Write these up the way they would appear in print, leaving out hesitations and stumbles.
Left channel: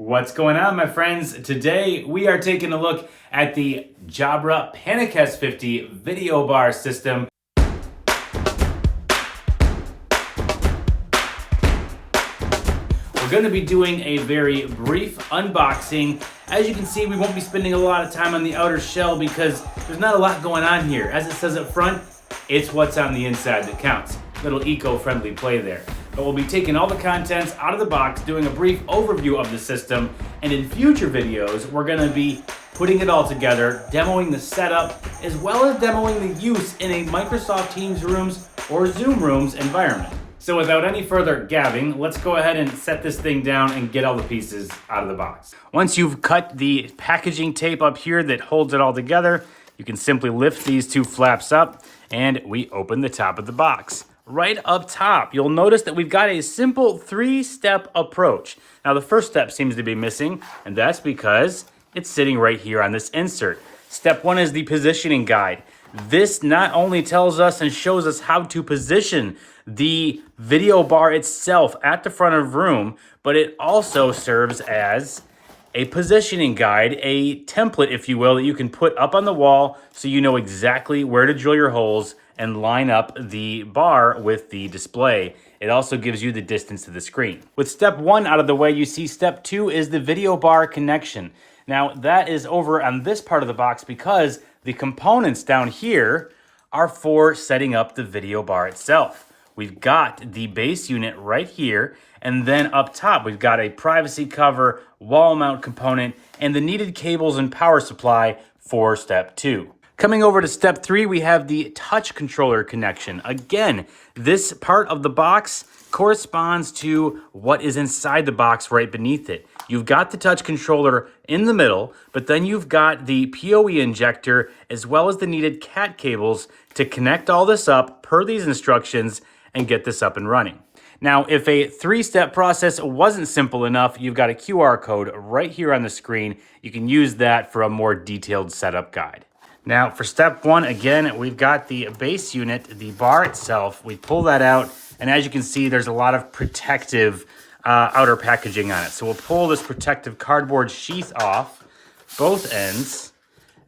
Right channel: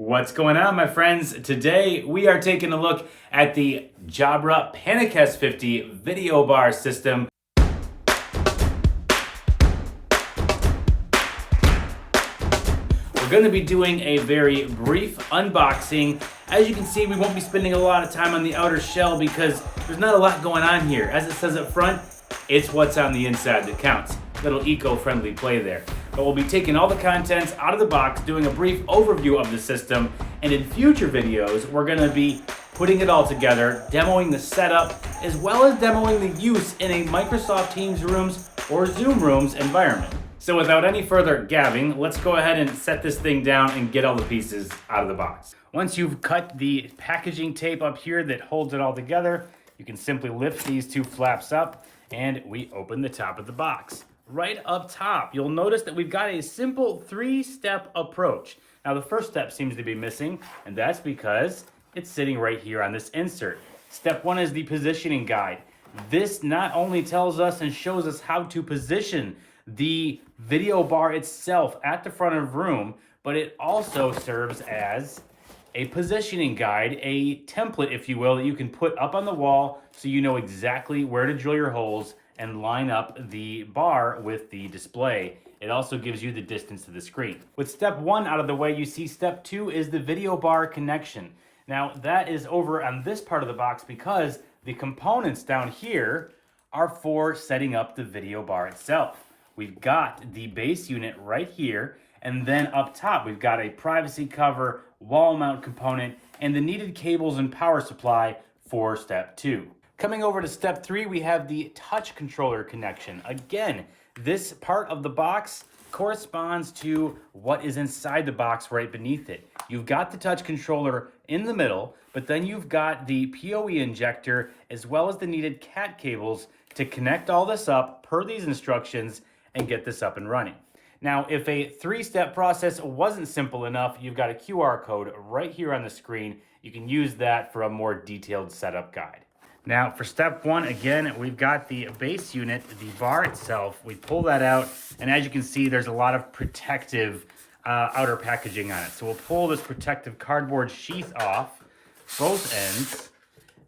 What's going on, my friends? Today we are taking a look at the Jabra PanaCast 50 video bar system. We're going to be doing a very brief unboxing. As you can see, we won't be spending a lot of time on the outer shell because there's not a lot going on here. As it says up front, it's what's on the inside that counts. Little eco-friendly play there. But we'll be taking all the contents out of the box, doing a brief overview of the system, and in future videos, we're gonna be putting it all together, demoing the setup, as well as demoing the use in a Microsoft Teams Rooms or Zoom Rooms environment. So without any further gabbing, let's go ahead and set this thing down and get all the pieces out of the box. Once you've cut the packaging tape up here that holds it all together, you can simply lift these two flaps up and we open the top of the box. Right up top, you'll notice that we've got a simple three-step approach. Now, the first step seems to be missing, and that's because it's sitting right here on this insert. Step one is the positioning guide. This not only tells us and shows us how to position the video bar itself at the front of the room, but it also serves as a positioning guide, a template, if you will, that you can put up on the wall so you know exactly where to drill your holes and line up the bar with the display. It also gives you the distance to the screen. With step one out of the way, you see step two is the video bar connection. Now that is over on this part of the box because the components down here are for setting up the video bar itself. We've got the base unit right here, and then up top, we've got a privacy cover, wall mount component, and the needed cables and power supply for step two. Coming over to step three, we have the touch controller connection. Again, this part of the box corresponds to what is inside the box right beneath it. You've got the touch controller in the middle, but then you've got the PoE injector as well as the needed CAT cables to connect all this up per these instructions and get this up and running. Now, if a three-step process wasn't simple enough, you've got a QR code right here on the screen. You can use that for a more detailed setup guide. Now, for step one, again, we've got the base unit, the bar itself. We pull that out, and as you can see, there's a lot of protective outer packaging on it. So we'll pull this protective cardboard sheath off, both ends,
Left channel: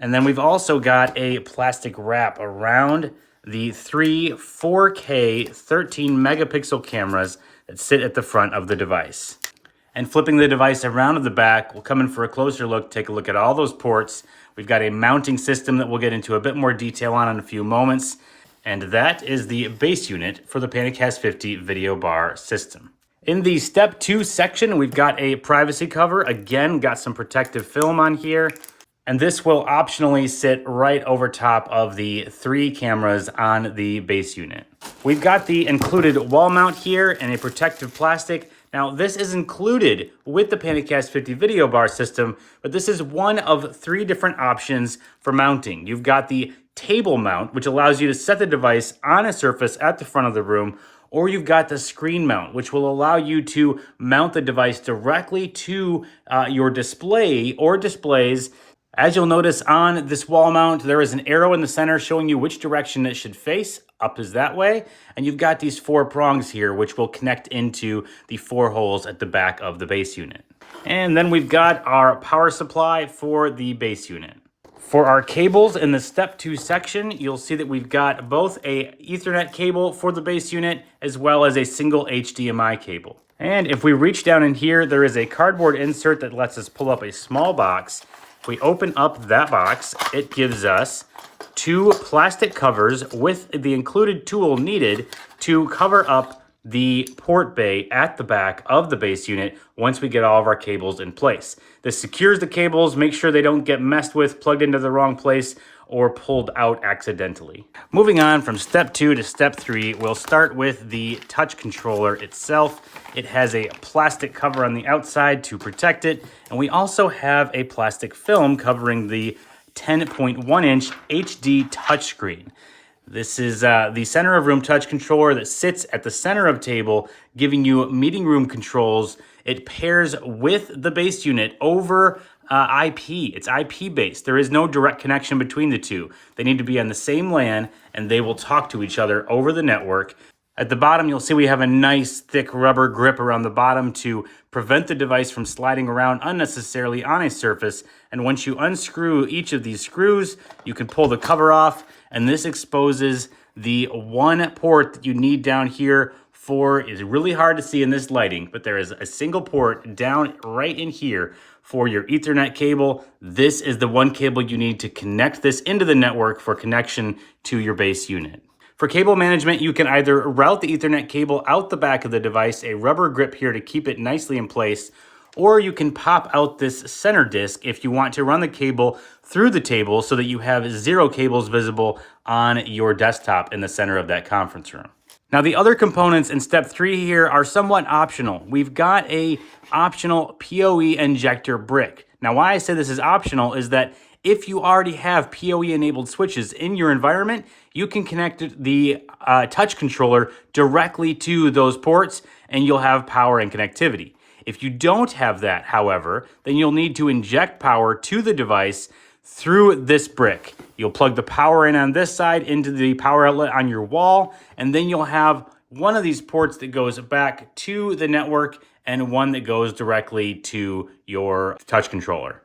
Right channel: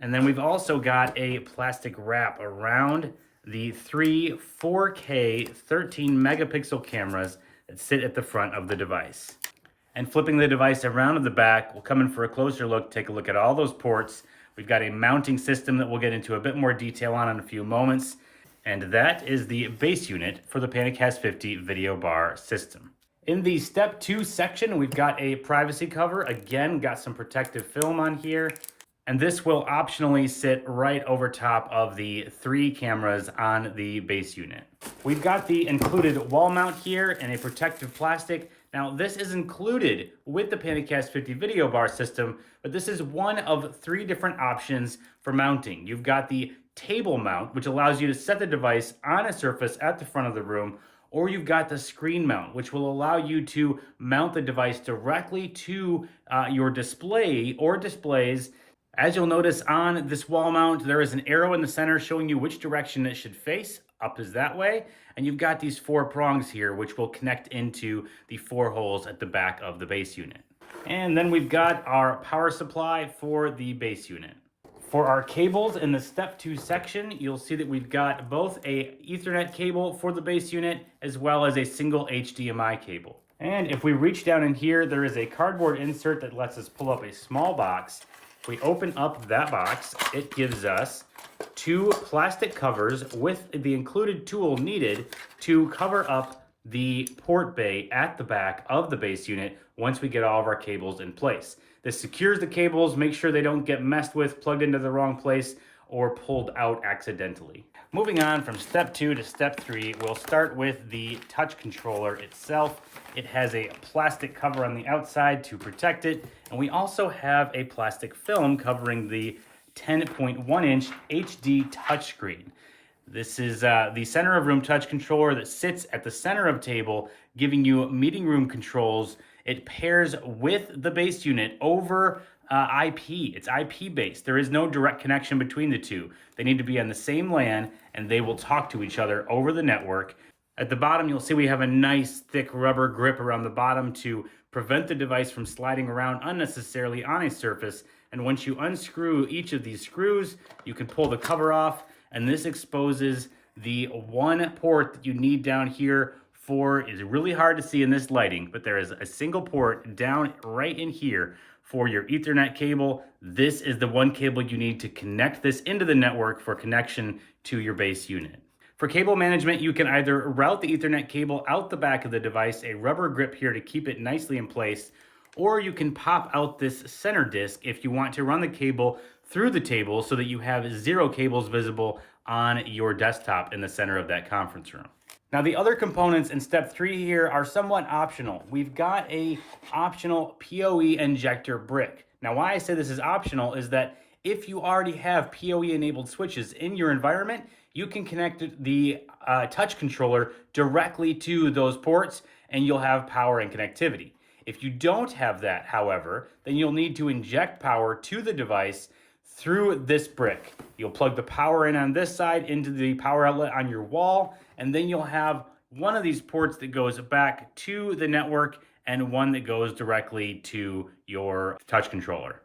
and then we've also got a plastic wrap around the three 4K 13 megapixel cameras that sit at the front of the device. And flipping the device around to the back, we'll come in for a closer look, take a look at all those ports. We've got a mounting system that we'll get into a bit more detail on in a few moments. And that is the base unit for the PanaCast 50 video bar system. In the step two section, we've got a privacy cover. Again, got some protective film on here. And this will optionally sit right over top of the three cameras on the base unit. We've got the included wall mount here and a protective plastic. Now, this is included with the PanaCast 50 video bar system, but this is one of three different options for mounting. You've got the table mount, which allows you to set the device on a surface at the front of the room, or you've got the screen mount, which will allow you to mount the device directly to your display or displays. As you'll notice on this wall mount, there is an arrow in the center showing you which direction it should face. Up is that way. And you've got these four prongs here, which will connect into the four holes at the back of the base unit. And then we've got our power supply for the base unit. For our cables in the step two section, you'll see that we've got both a Ethernet cable for the base unit as well as a single HDMI cable. And if we reach down in here, there is a cardboard insert that lets us pull up a small box. If we open up that box, it gives us two plastic covers with the included tool needed to cover up the port bay at the back of the base unit once we get all of our cables in place. This secures the cables, make sure they don't get messed with, plugged into the wrong place, or pulled out accidentally. Moving on from step two to step three, we'll start with the touch controller itself. It has a plastic cover on the outside to protect it, and we also have a plastic film covering the 10.1-inch HD touchscreen. This is the center of room touch controller that sits at the center of table, giving you meeting room controls. It pairs with the base unit over IP. It's IP based. There is no direct connection between the two. They need to be on the same LAN and they will talk to each other over the network. At the bottom, you'll see we have a nice thick rubber grip around the bottom to prevent the device from sliding around unnecessarily on a surface. And once you unscrew each of these screws, you can pull the cover off, and this exposes the one port that you need down here for, is really hard to see in this lighting, but there is a single port down right in here for your Ethernet cable. This is the one cable you need to connect this into the network for connection to your base unit. For cable management, you can either route the Ethernet cable out the back of the device, a rubber grip here to keep it nicely in place, or you can pop out this center disc if you want to run the cable through the table so that you have 0 cables visible on your desktop in the center of that conference room. Now, the other components in step 3 here are somewhat optional. We've got a optional PoE injector brick. Now, why I say this is optional is that if you already have PoE enabled switches in your environment, you can connect the touch controller directly to those ports and you'll have power and connectivity. If you don't have that, however, then you'll need to inject power to the device through this brick. You'll plug the power in on this side into the power outlet on your wall, and then you'll have one of these ports that goes back to the network and one that goes directly to your touch controller.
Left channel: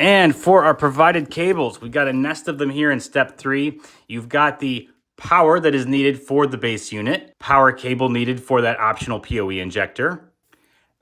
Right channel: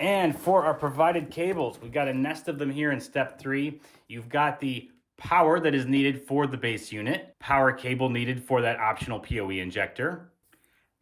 And for our provided cables, we've got a nest of them here in step 3. You've got the power that is needed for the base unit, power cable needed for that optional PoE injector,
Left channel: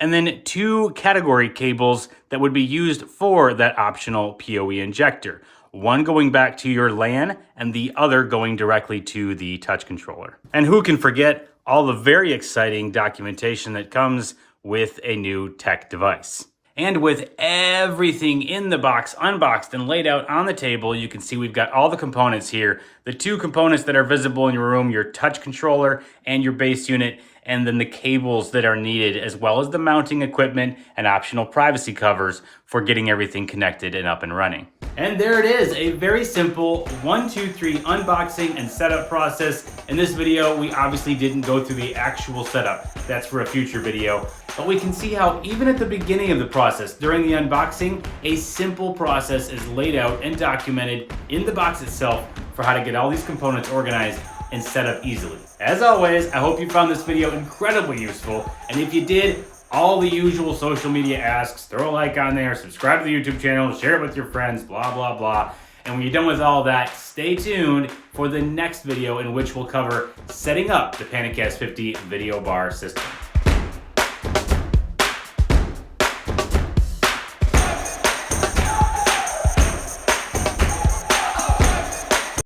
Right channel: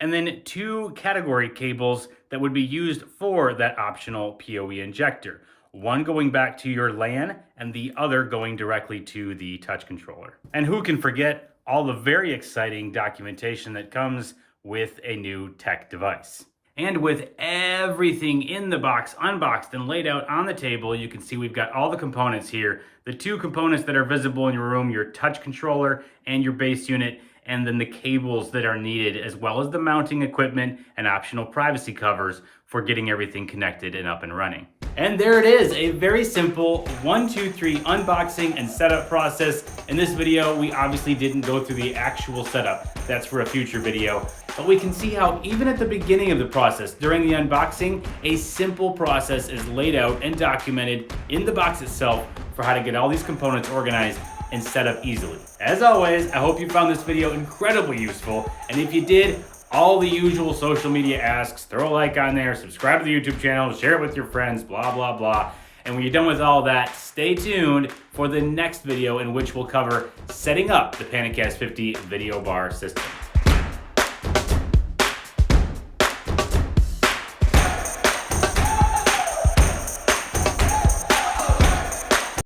and then 2 category cables that would be used for that optional PoE injector. One going back to your LAN and the other going directly to the touch controller. And who can forget all the very exciting documentation that comes with a new tech device. And with everything in the box unboxed and laid out on the table, you can see we've got all the components here. The 2 components that are visible in your room, your touch controller and your base unit, and then the cables that are needed, as well as the mounting equipment and optional privacy covers for getting everything connected and up and running. And there it is, a very simple 1, 2, 3 unboxing and setup process. In this video, we obviously didn't go through the actual setup. That's for a future video. But we can see how even at the beginning of the process, during the unboxing, a simple process is laid out and documented in the box itself for how to get all these components organized and set up easily. As always, I hope you found this video incredibly useful. And if you did, all the usual social media asks, throw a like on there, subscribe to the YouTube channel, share it with your friends, blah, blah, blah. And when you're done with all that, stay tuned for the next video in which we'll cover setting up the PanaCast 50 video bar system.